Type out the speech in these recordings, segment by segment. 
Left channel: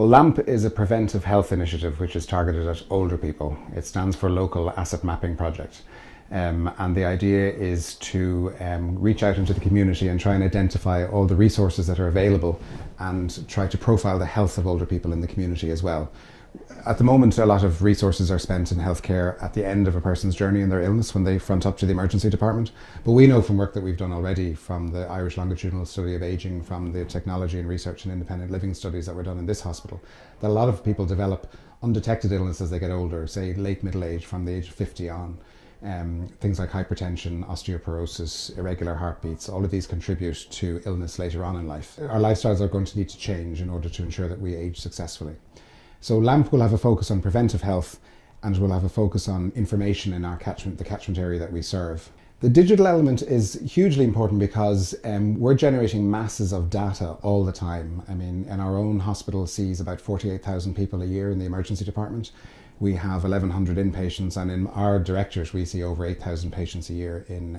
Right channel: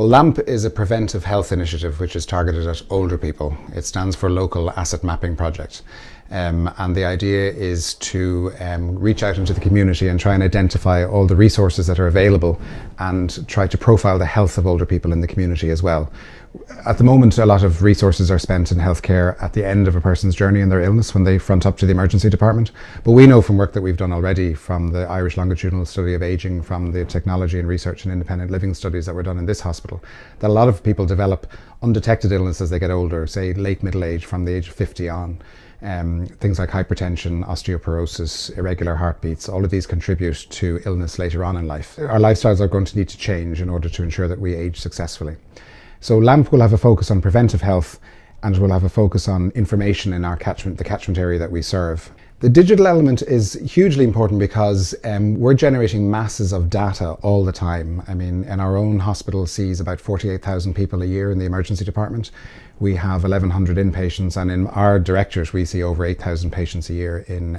Well, LAMP is a preventive health initiative which is targeted at older people. It stands for Local Asset Mapping Project. And the idea is to reach out into the community and try and identify all the resources that are available and try to profile the health of older people in the community as well. At the moment, a lot of resources are spent in healthcare at the end of a person's journey in their illness when they front up to the emergency department. But we know from work that we've done already, from the Irish Longitudinal Study of Ageing, from the technology and research and independent living studies that were done in this hospital, that a lot of people develop undetected illness as they get older, say late middle age, from the age of 50 on. Things like hypertension, osteoporosis, irregular heartbeats, all of these contribute to illness later on in life. Our lifestyles are going to need to change in order to ensure that we age successfully. So LAMP will have a focus on preventive health, and will have a focus on information in our catchment, the catchment area that we serve. The digital element is hugely important because we're generating masses of data all the time. I mean, in our own hospital sees about 48,000 people a year in the emergency department. We have 1,100 inpatients, and in our directorate we see over 8,000 patients a year in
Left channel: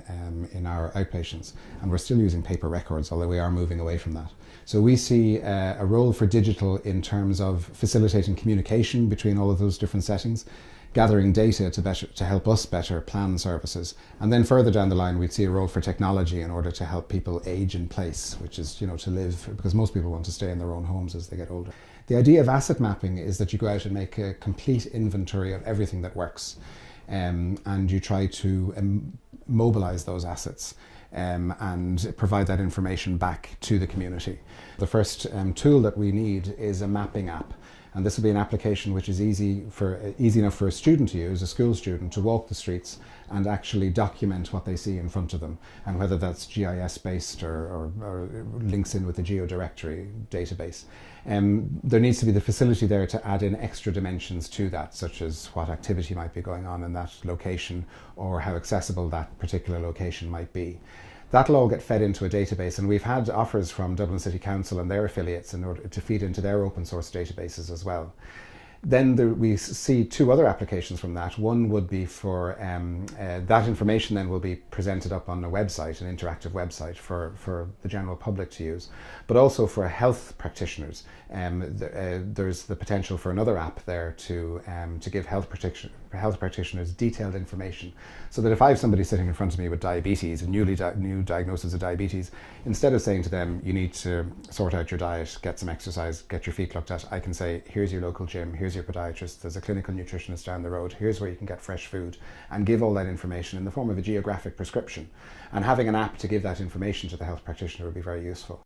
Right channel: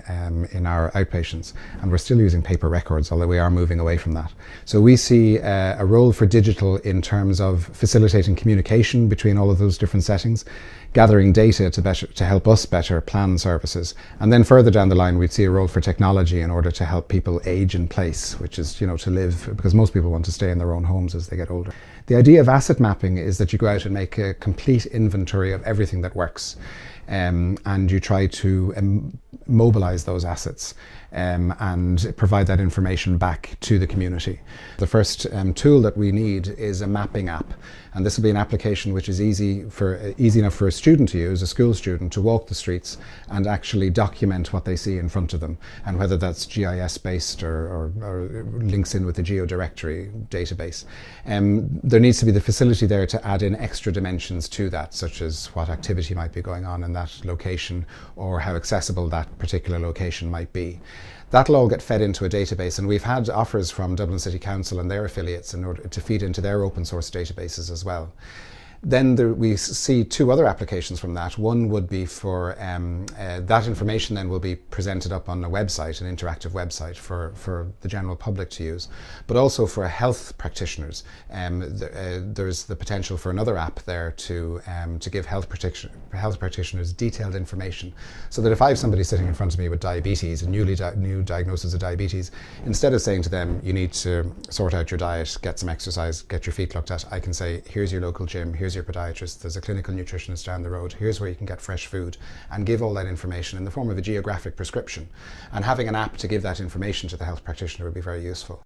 our outpatients, and we're still using paper records, although we are moving away from that. So we see a role for digital in terms of facilitating communication between all of those different settings, gathering data to help us better plan services, and then further down the line we'd see a role for technology in order to help people age in place, which is, to live, because most people want to stay in their own homes as they get older. The idea of asset mapping is that you go out and make a complete inventory of everything that works, and you try to mobilize those assets and provide that information back to the community. The first tool that we need is a mapping app, and this will be an application which is easy enough for a student to use, a school student, to walk the streets and actually document what they see in front of them, and whether that's GIS based or links in with the geodirectory database. There needs to be the facility there to add in extra dimensions to that, such as what activity might be going on in that location or how accessible that particular location might be. That'll all get fed into a database, and we've had offers from Dublin City Council and their affiliates in order to feed into their open source databases as well. Then we see two other applications from that. One would be for that information then will be presented up on a website, an interactive website for the general public to use, but also for health practitioners. There's the potential for another app there to give health practitioners detailed information, so that if I have somebody sitting in front of me with diabetes, a new diagnosis of diabetes, instead of saying to them, you need to sort out your diet, get some exercise, get your feet looked at, I can say, here's your local gym, here's your podiatrist, there's a clinical nutritionist down the road, here's where you can get fresh food, and give all that information in the form of a geographic prescription. And having an app to give that information to the health practitioner would be very useful.